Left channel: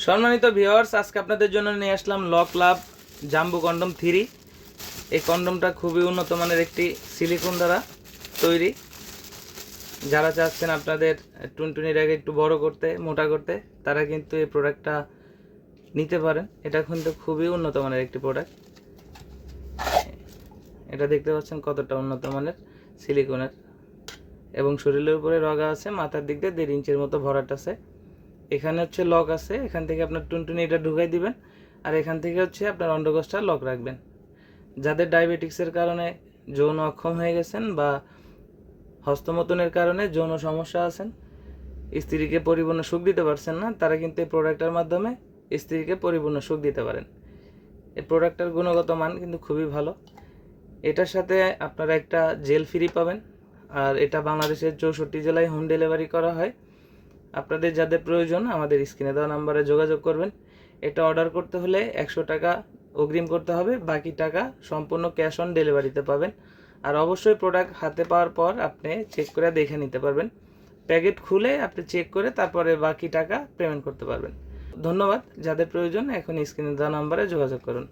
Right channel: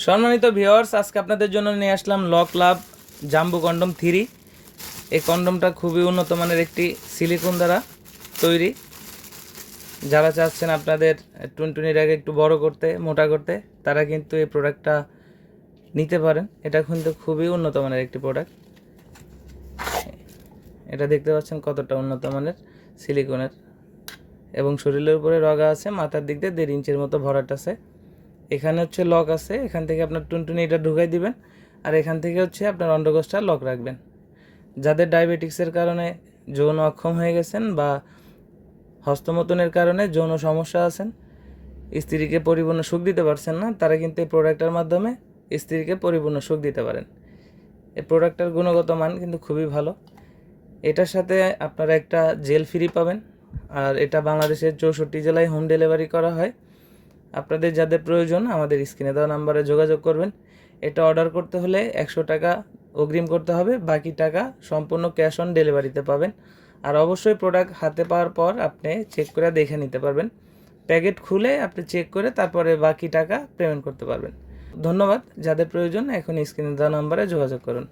সম্মানিত ভিউয়ার্স, আজকে আপনাদের জন্য নিয়ে আসলাম লক লাভ জাম্বো কন্ডম 3। এই কন্ডমটা খুবই উন্নত মানের একটি সিলিকন দ্বারা তৈরি। যারা চাচ্ছেন আপনাদের টুনটুনির আগে একটু বড় করতে, মোটা করতে, তারা কিন্তু এই প্রোডাক্টটা নিতে পারেন। এটা কিন্তু খুবই উন্নত মানের একটি প্রোডাক্ট। এটা দেখতে পাচ্ছেন কতটা উন্নত মানের সিলিকনের, এবং শরীরের উপরে রগা আছে, মাথার দিক দিয়ে 1.5 ইঞ্চির মতো ভরাট আছে। এখানে হচ্ছে লক আছে, এখান থেকে আপনার টুনটুনি এটা ঢুকাই দিবেন, আর এখান থেকে হচ্ছে আপনার অন্ডকোষটা লক রাখবেন। যাদের ডায়াবেটিক্সের কারণে যৌন অক্ষম হয়ে গেছেন বা হস্তমৈথুনের কারণে যৌন সমস্যা আছেন, স্ত্রীকে পরিপূর্ণ সুখ দিতে পারছেন না, তারা কিন্তু এই প্রোডাক্টের মাধ্যমে স্ত্রীকে পরিপূর্ণ সুখ দিতে পারেন। এই প্রোডাক্টের গুণগত মান কিন্তু খুবই ভালো। এটার সাথে আপনারা একটা জেল ফ্রি পাবেন, আর এটা বাংলাদেশের 64 জেলায় হোম ডেলিভারি করা হয়। আপনাদের যাদের প্রয়োজন আমাদের স্ক্রিনে দেওয়া নাম্বারে যোগাযোগ করবেন। এটা অর্ডার করতে হলে 100 টাকা অগ্রিম করতে হবে, বাকি টাকা সম্পূর্ণ ক্যাশ অন ডেলিভারিতে পাবেন। আর অবশ্যই প্রোডাক্ট হাতে পাওয়ার পর আপনি চেক করে দেখে নিতে পারবেন। প্যাকেট খুলে আপনি চেক করে তারপরে বাকি টাকা পেমেন্ট করতে পারবেন। ধন্যবাদ। যাদের প্রয়োজন এখন স্ক্রিনে দেওয়া নাম্বারে যোগাযোগ করুন।